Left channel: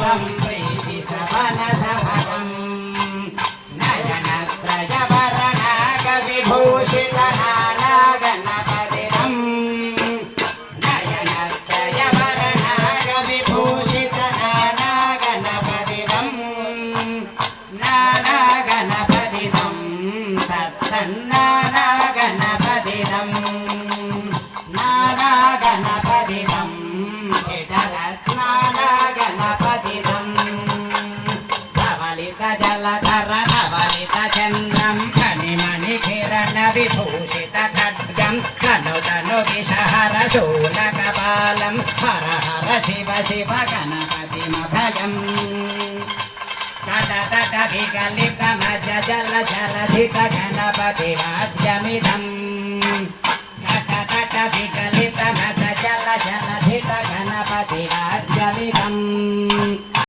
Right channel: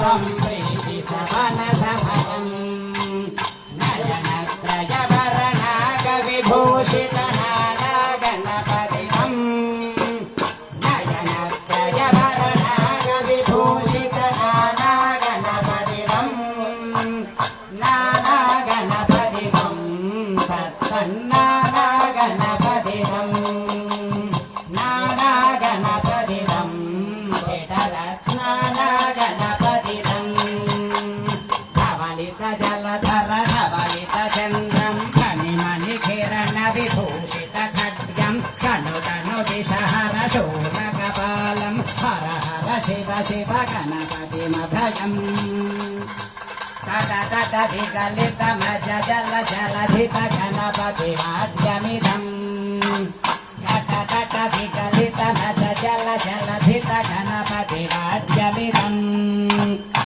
त्वं प्रीति सवनसमगम् नयनत्रयवरणागविभूषितनानागणपतिदम् नयनत्रयवरणागविभूषितनानागणपतिदम् नानागणपतिदम् तत्तन्नानागणपतिदम् नानागणपतिदम् जडरत्नानागणपतिदम् धवलितजलधर धवलितचन्द्रम् खनिमणिकिरणविभूषितखड्गम् कनुतनुविषहरशूलकपालम् हर हर शिव शिव गणपतिमभयम् तटतट विकलितमज जल जलधित गणपतिवाद्यमिदम् तटतट विकलितमज जल जलधित गणपतिवाद्यमिदम्